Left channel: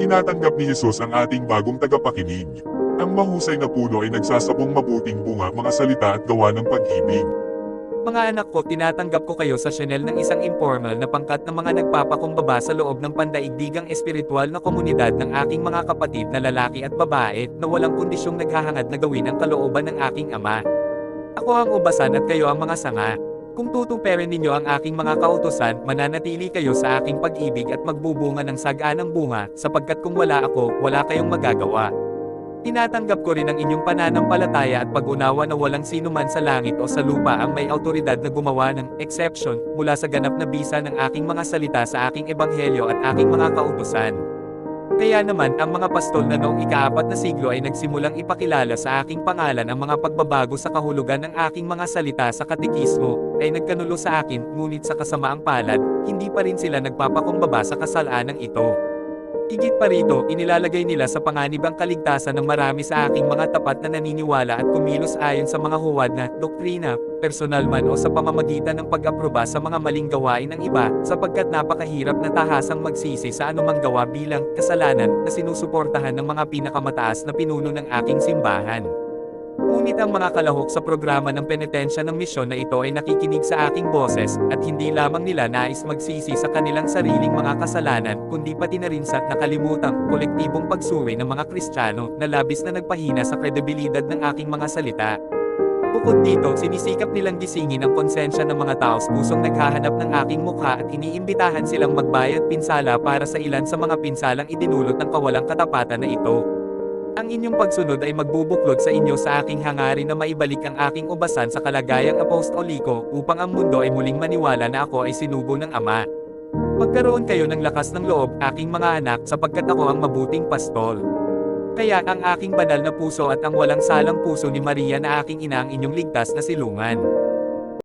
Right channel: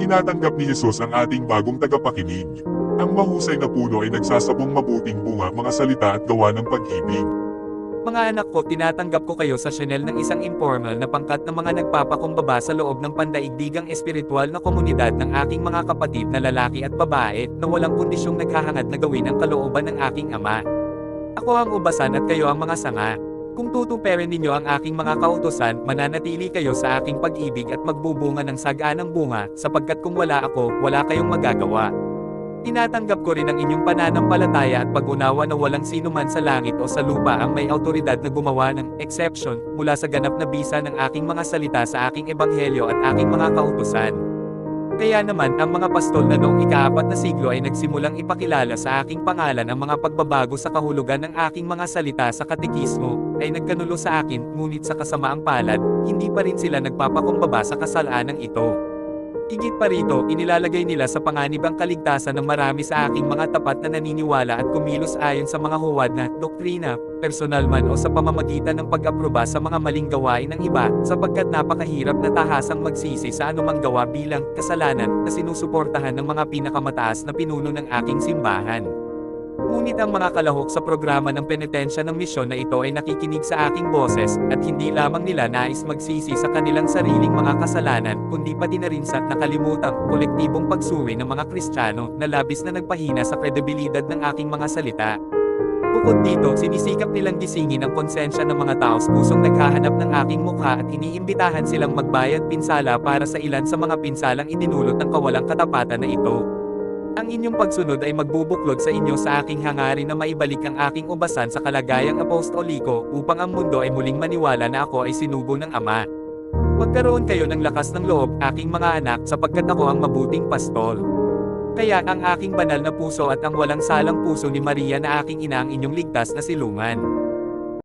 Tinatanggap ni Jesus ang ating bagong tagapakinig. Ang mahusay na puno ay nagsasabong mabuting bunga, mga salita at gawa ng pag-ibig. Mga anak ko, tinatanggap ko kayo sa channel ng isang informal na pangkat ng mga nagpapakumbaba sa loob ng pandaigdigang espiritual na komunidad ng aking mga kapatid na lalaki at babae, na walang kondisyong naghahangad na gawin ang kalooban ng aking Ama. Ako ang ubasan at kayo ang mga sanga. Kung tutuparin ninyo ang aking mga kautusan, mananatili kayo sa aking pag-ibig at magbubunga ng saganang bunga, sapagkat kung wala ako, wala kayong magagawa. Tinatanggap ko rin ang inyong pananampalataya at pag-unawa na walang sino man sa langit o sa lupa ang may awtoridad na gumawa ng exception mula sa ganap na bisa ng aking mga salita sa aking ebanghelyo at aking mga kautusan. Kaya naman, ang mga pastol na noong ika-4 na siglo ay nagsimulang ipakilala sa aking pangalan ang mga pagbabago sa kahulugan ng aking mga salita sa katekismo, ay nagkanulo sa akin, ngunit sa kasamaang palad, hindi pa rin sila nagpapakumbaba sa kasalanang ito. Higit pa rito, inilalagay nila sa panganib ang kaligtasan ng marami sa aking mga tapat na naniniwala at kumilos ayon sa mga huwad na doktrina, personal man o sa pamamagitan ng pag-aproba sa mga maling gawain ng iba, sapagkat napakahirap na tahasang magsisi sa anumang gawa bilang kasalanan na sinusuportahan ng mga pinakamataas na pinuno ng aking simbahan. Ngunit ang mga kalahok sa programa ng penitensya ng misyon na ito ay nakikinig sa aking boses, at hindi lamang nila nais magsisi sa kanilang sariling mga kasalanan, kundi pati na rin sa nakalimutang kolektibong pagsuri ng mga Kristiyano na labis na nagpahina sa kredibilidad ng aking mga salita. Bukod dito, sinisikap nilang gisingin ang konsensya ng mga taos pusong naghahanap ng aking mukha at iniimbitahan silang magbayad pinsala para sa ilan sa mga pinsalang idinulot ng kawalang katapatan na ito. Ang inyong pagsunod ay magbubuklod sa inyo sa aking hangarin na maibalik ang aking ubasan sa kalagayang apostoliko, upang ang mundo ay muling maniwala na ako ay sinugo ng Ama. Magkaroon kayo ng lakas ng loob, aking mga anak, sapagkat ako ang mabuting pastol. Kaya ang aking banal na puso at ang walang salang puso ni Maria na aking ina ang inyong ligtas na silungan.